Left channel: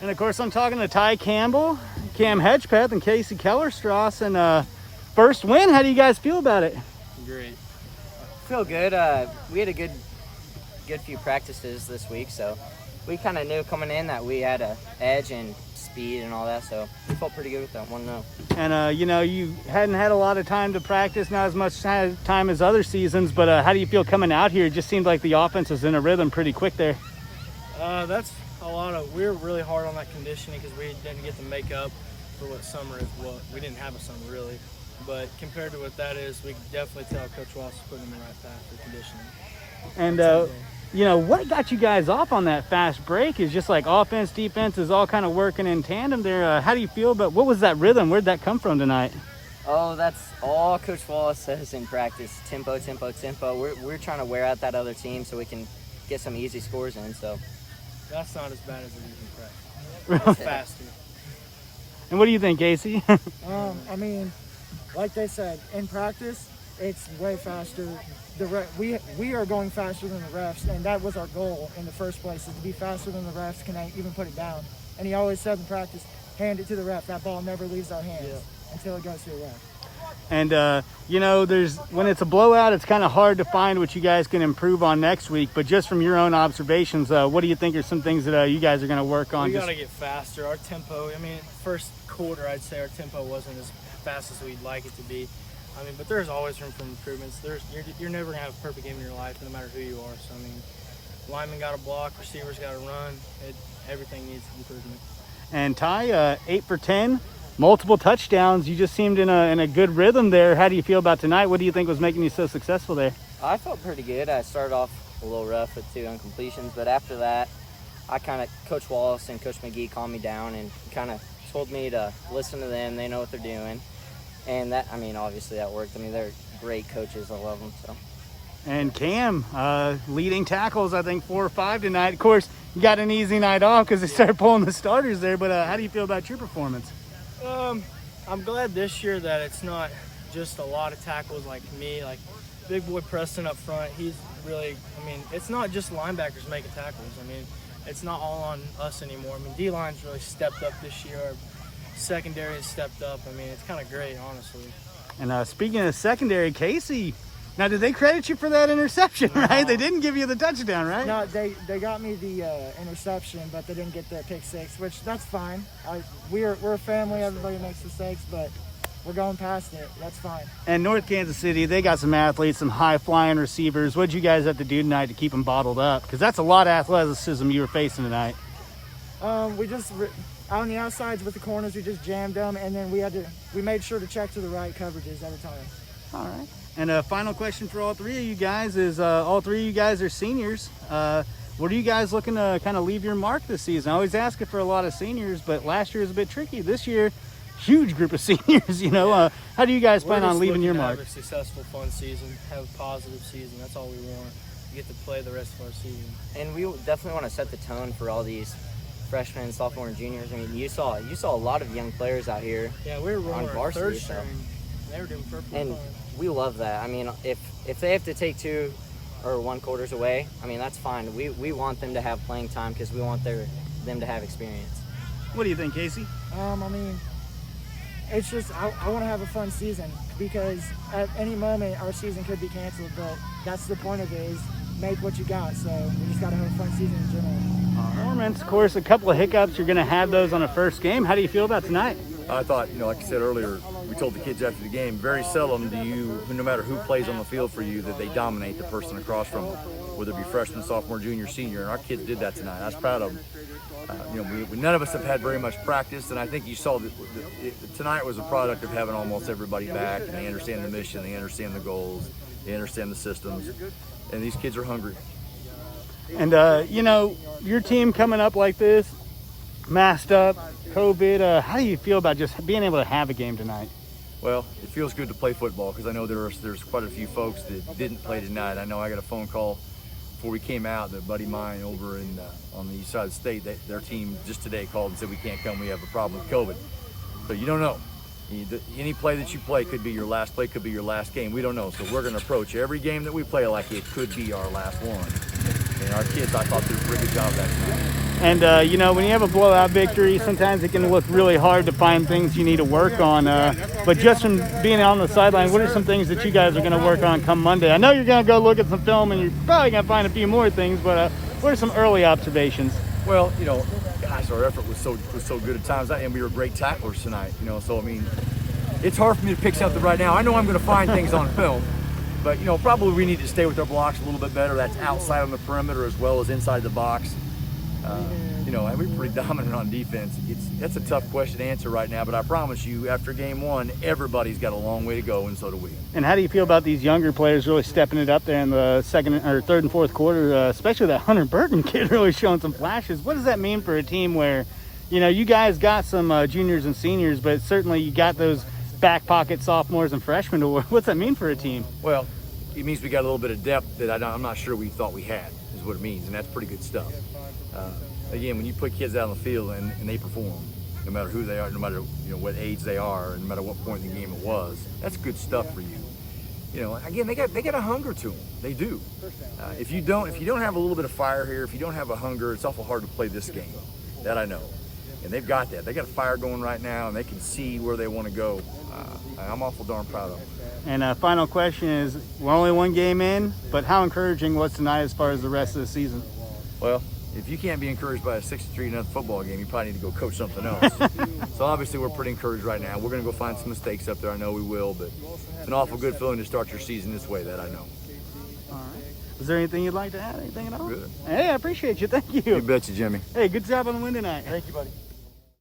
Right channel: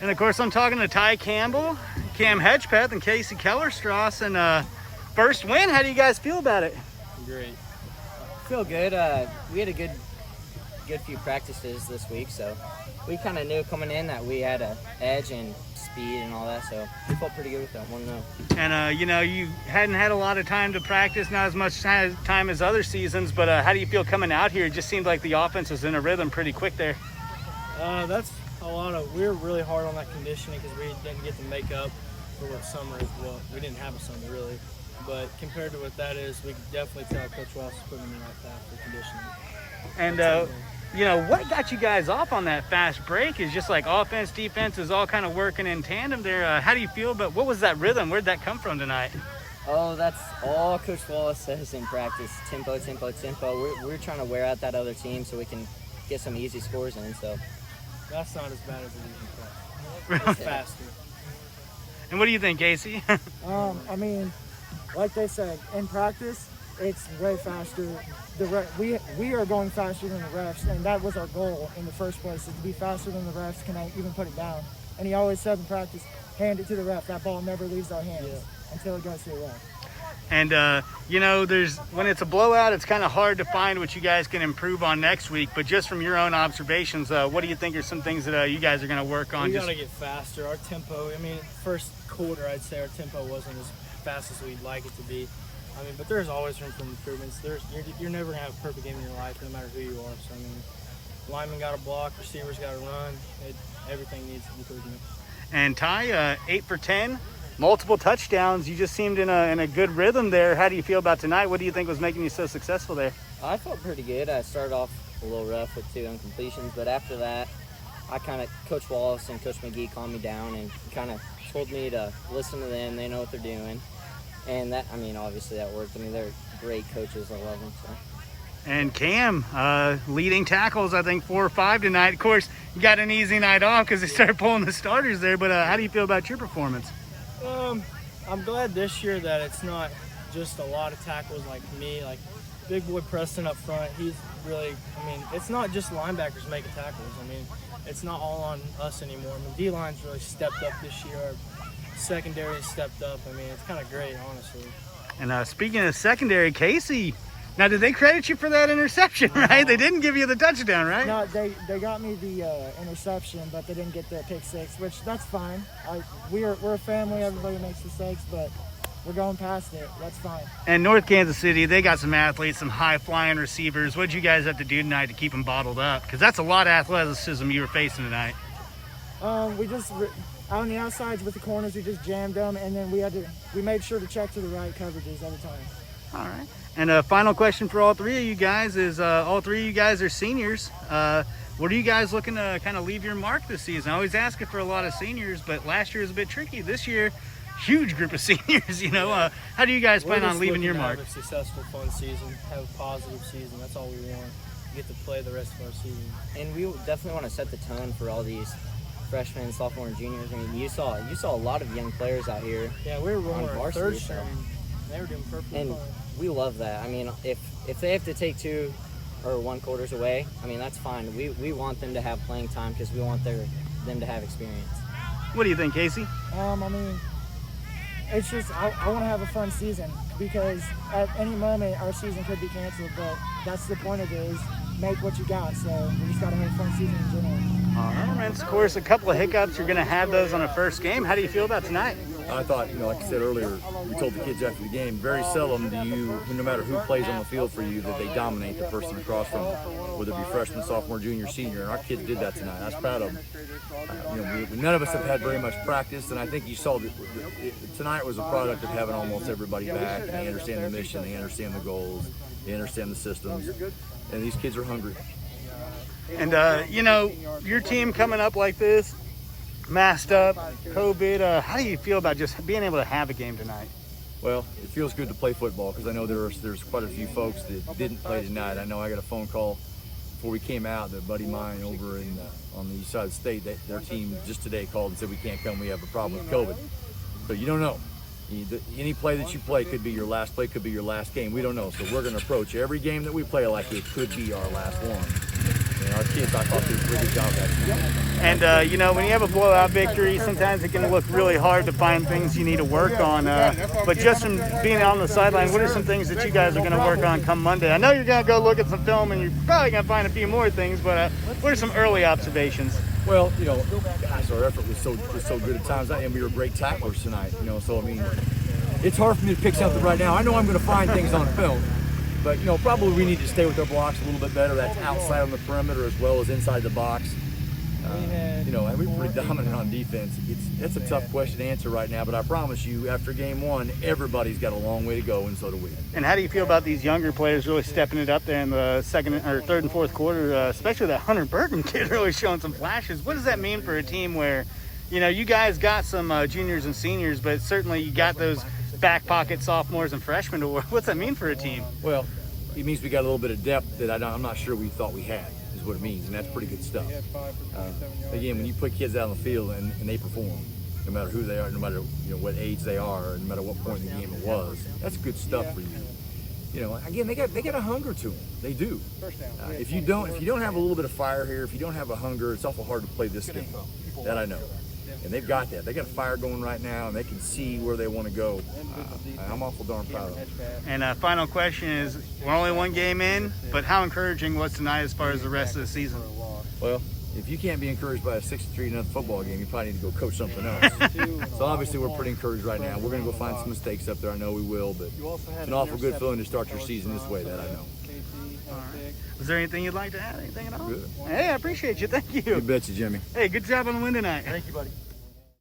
And of course, I'm talking to Ty Campbell, Cam Hedgpeth, and Kacy Kellerstrass. And first win, how do you guys feel about it? Great. Feel good. We had a good few practices this week, so we kind of knew coming in that we had a edge and speed and all that, so we felt pretty good with that 1-0. And you know, you hadn't had a lot of time to practice, not as much time as other seasons, but how do you feel coming out here? It just seemed like the offense was in a rhythm pretty quick there. That's a lot of. We were really hard on that conditioning because we didn't get to make up for what summer is. Well, we didn't have a summer really, but compared to what that is, we could definitely tell Coach Wallace is putting in the right path for conditioning. And you know, what got you guys off on that fast break is just like offense, defense is all kind of working in tandem there. How do you feel about what was that rhythm? Where'd that come from tonight? Oh, that's all Coach Wallace says in practice. Tempo, tempo, tempo. We're trying to wear out that other team so we can get some easy scores in. So that's not as bad as it is in practice. It's faster. And what do you think, Kacy? I mean, like they said, in practice, it's way faster. We are going faster than the refs, and that was our goal in the first place, is to be faster than the refs can even put it down. And he always said in practice, hand it to the ref. That ball never leaves our hands until it goes to the ref. And you know, when it's a blowout, it's kind of hard to find what you guys can improve on next week. But just from your own observations, what do you think are some things that you guys are going to work on? We got to get faster. Our tempo, I mean, first quarter, I'd say our tempo wasn't as fast as we'd like it to be. I mean, but there's always room for improvements. You're never going to have a perfect game in your life, no matter who you are. So, I mean, linemen got to block, receivers got to run. Everything needs improvement. And Ty, 8 for 10, multiple touchdowns. You just seemed in a good rhythm there. How do you feel about tonight? What do you think was making you so successful there? I felt pretty good. I started off a little rough with 2 incompletions, but after that, Coach Wallace and Coach McGee calmed me down and kind of told me to listen to them. They know what they're doing. And that, I mean, obviously that worked. I mean, they're great coaches. I love them. So. And Cam, leading tackles, I think 4 or 5 tonight. Of course, you got an easy night off because they started pulling the starters there. But how do you feel about your performance? I'm glad this year that it's not just a lot of tackles like me, like big boy Preston up front. He's really, I mean, it's not just linebackers making tackles. I mean, it's not all on us anymore. I mean, D-line's really stepped up this year. Our secondary has stepped up. I mean, it's kind of great, honestly. And speaking of secondary, Kacy, now did they credit you for that interception, right? They didn't give you the touchdown, right? No, they got me the interception, but they didn't get the pick six, which that's fine. We're a family. Everybody makes mistakes, but we're going past it. That's fine. And North Kansas City, they got some athletes, some high-flying receivers. What did you guys have to do tonight to keep them bottled up? Because that's a lot of athleticism you were facing tonight. We just on the outsides with the corners, we just jammed them, and then we made sure to check to the right coverages every time. All right. And a final question for all 3 of you guys is, all 3 of you guys are seniors. What are you guys looking to kind of leave your mark this season? I always ask it for a lot of seniors, but last year was a bit tricky. This year, huge group of seniors, you know. Yeah. How do you guys plan on leaving your mark? Have a successful, fun season, have a positive season. That's all we want. We get to play the rest of our season. And we definitely want to set the tone for all these freshmen, sophomore, and juniors. I mean, you saw a lot of young players out here. Yeah, we were rolling our varsity, third so. string. They were doing perfectly And fine. we love that. I mean, if they have to take 2 or 1 quarters away, I mean, that's fine. We want them to have playing time because we want them to have experience. What do you think, Kacy? I mean, it's just I want to have a fun season because at any moment our season could be canceled, but that's the point of it, is make what you got. So we just got to have a fun season in general. All right, man. Of course, a couple of hiccups. You're going to have those on the first game. How do you feel about tonight? I thought, like I said earlier, we told the kids after the game, very seldom do you, no matter who plays on the field for you, that they dominate the person across from them, whether it be freshman, sophomore, junior, senior. And our kids did that tonight. I was proud of them. None of us have had very much practice, and I think you saw that tonight was a product of having almost everybody back, and they understand the mission, they understand the goals, they understand the systems, and these kids are hungry. And, your team coming up like this, masked up, COVID, how do you feel about just being able to have a game tonight? Well, it feels good to play football because I know there's quite a few folks that didn't play tonight. I know I got a phone call before we came out, that buddy of mine over on the east side of the state, their team just today called and said we can't come, we have a problem with COVID. So you don't know. Any play that you play could be your last play, could be your last game. We don't know. So we're going to approach every game that we play like it could be our last one. And our kids, I thought, did a pretty good job of that tonight. And, you know, when you have a blowout victory, sometimes it can look really hard to find things you need to work on. But just from being on the sideline, what are some things that you guys are going to work on come Monday? I know you're going to go look at some film and you're probably going to find a few more things, but what are some early observations? Well, you know, gosh, our effort was so good at times, and we were great tacklers tonight. You know, so I mean, it's hard for me to pick something right now. I know I'm going to find things on film, but you know, probably we need to stay with our blocks a little bit better. That's outside on the perimeter as well as inside the box. You know, and we're pretty dominant on defense. That's a tough question to answer right now, but I promise you, after game one, everybody's got a long way to go, and so do we. And how do you feel about these younger players really stepping it up there in the third and fourth quarter, especially that Hunter Burton kid really showing some flashes? What does that mean for a team where, you know, you guys got some juniors and seniors, but certainly you got those back pocket sophomores and freshmen? What's that mean for a team? Well, it means we got a little bit of depth that I'm not sure we thought we had, is what it means, and that's pretty good stuff. Again, when you put kids out on the field and they perform, no matter who they are, no matter what age they are, no matter what point in the game it was, that's good stuff for you. You know, again, they got a hunger to them. They do. If you don't have a little bit of fire here, if you don't have a hunger, it's awful hard to play this game. That I know. And they've got that. They got a fire going right now, and they can see where they want to go. I'm awful darn proud of them. And final question is, we're only one game in, but how encouraging was tonight as far as the rest of the season? Well, if you can't be encouraged by a 63-0 football game, you probably need to go coach something else. So obviously we're pretty encouraged right now. We're going to go find some mistakes up there. I know we will, but it's an awful good feeling to start your season this way, that I know. All right. Was there anything you'd like to add? Anything at all? Good. Hey, I appreciate you. Thank you. You betcha, Jimmy. Hey, good job on the win tonight. Thank you, buddy.